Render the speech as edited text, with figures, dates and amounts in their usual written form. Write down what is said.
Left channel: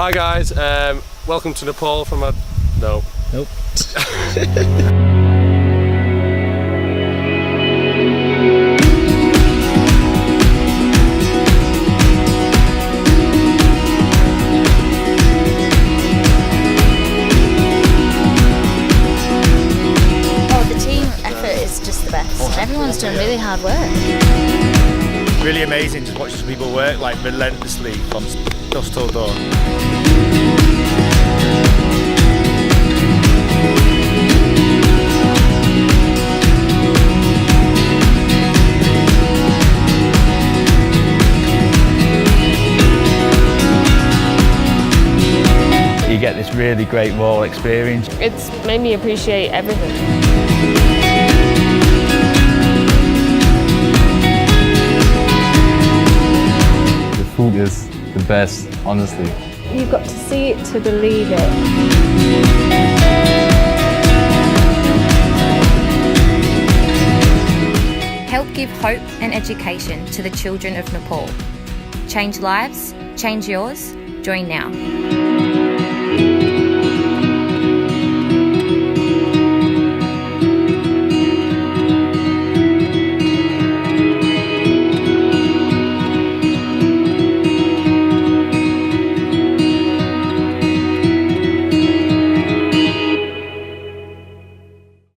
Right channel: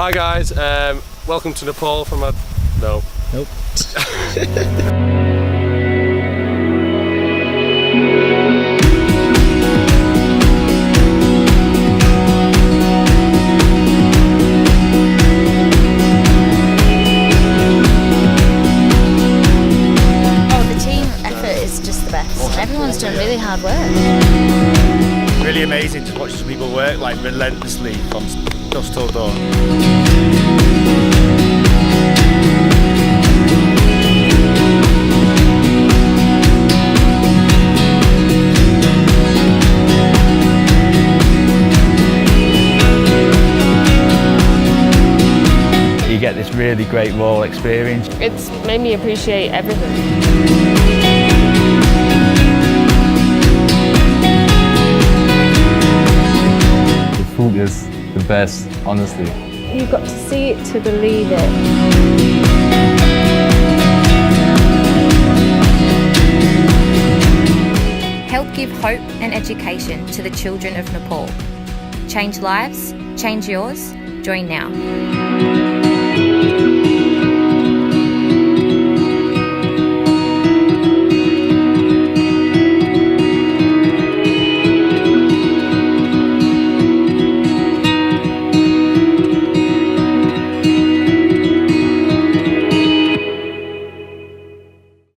Hi guys, welcome to Nepal from a... no. Nope. Oh, the team effort is just the best. Everyone's doing really hard work. Really amazing to watch some people work like relentlessly from dusk till dawn. You get this really great raw experience. It's made me appreciate everything. The food is the best, honestly. You've got to see it to believe it. Help give hope and education to the children of Nepal. Change lives, change yours. Join now.